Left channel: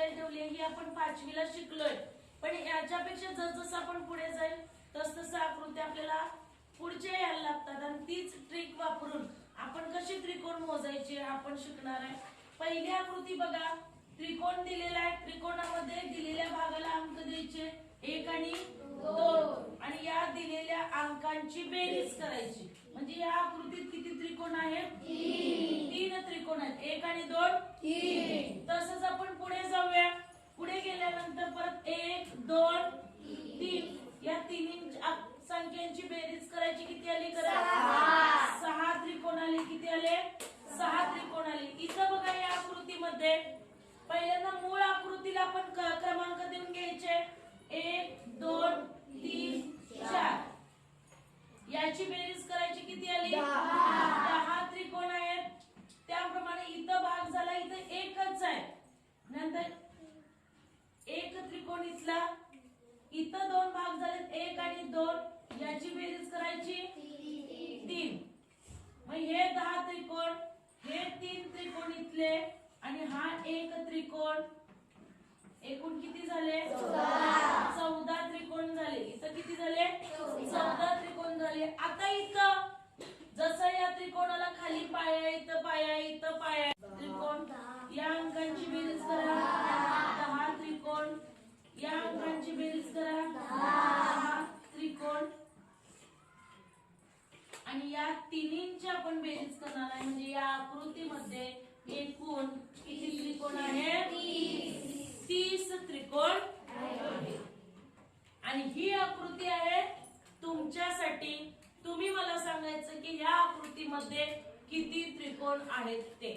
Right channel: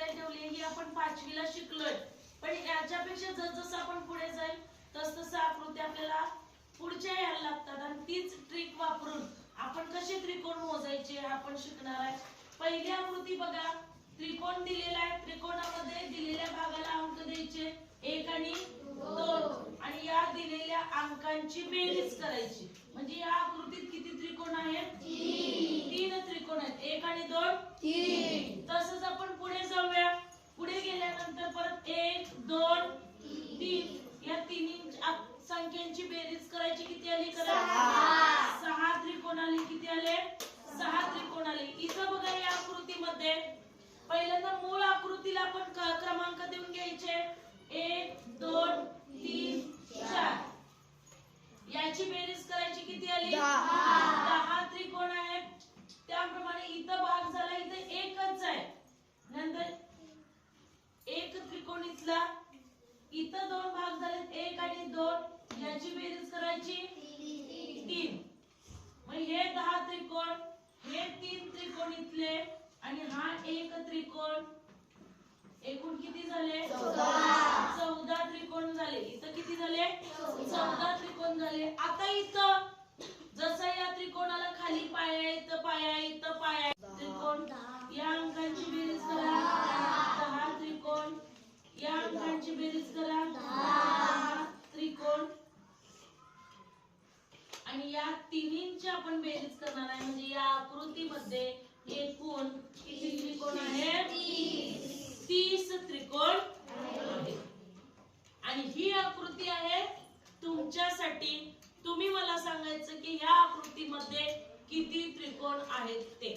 आपल्याला ठेवली ही आपण 5वीला शिकलोय, पण याच्यापेक्षा जसजसं आपण पुढे जाईल तसतसं आकृती आपल्याला पुढच्या यायला लागतात आणि तीच ट्रिक वापरून आपण कशी त्रिकोण मोजायचे आपण शिकणार आहे। पहिली आकृती बघा, त्रिकोण दिलेला आहे, त्रिकोणामध्ये दिलेल्या भागाला अंक द्यायचे 1 आणि 2 आणि या दिलेल्या अंकांची बेरीज करायची। म्हणजे या आकृतीत किती त्रिकोण आहेत? 3 त्रिकोण आहेत, 1 आणि 2 3। तसंच आपण पुढे जाऊया, पुढे गेल्यानंतर परत 1 2 3 या तिन्ही संख्यांची बेरीज करायची, किती आली? करा 6 त्रिकोण आले। किती आले? 6 त्रिकोण आले। इथं बघा या आकृतीमध्ये पहिल्यांदा मूळ आकृतीला आपण क्रमांक देऊन घ्यायचे 1 2 3 4 याची बेरीज करायची, किती आली? 10 त्रिकोण आहेत। त्याप्रमाणे इथं भाग झाला, इथं एकच आहे, नंतर 1 त्रिकोण इथला, इथं 2 भाग झाले 1 आणि 2 याची बेरीज करायची 3। मग हे 10 त्रिकोण, हे 3 त्रिकोण इथले आणि हा 1 त्रिकोण, एकूण किती झाले? 14 त्रिकोण झाले। इथं किती झाले? 14 त्रिकोण झाले। आता इथं जसं या त्रिकोणाला खाली पाया, इथं पाया, इथं पाया, त्रिकोण या अंकांची बेरीज करा 10 त्रिकोण, या अंकांची बेरीज करा 10 त्रिकोण आणि या तिन्हींची आपण बेरीज करणार आहे। म्हणजे या आकृतीमध्ये एकूण किती त्रिकोण आहेत? 30 त्रिकोण आहेत। आणि ही आकृती आहे तुमच्यासाठी, तुम्ही मला सांगायचं की या आकृतीमध्ये किती त्रिकोण आहेत ते।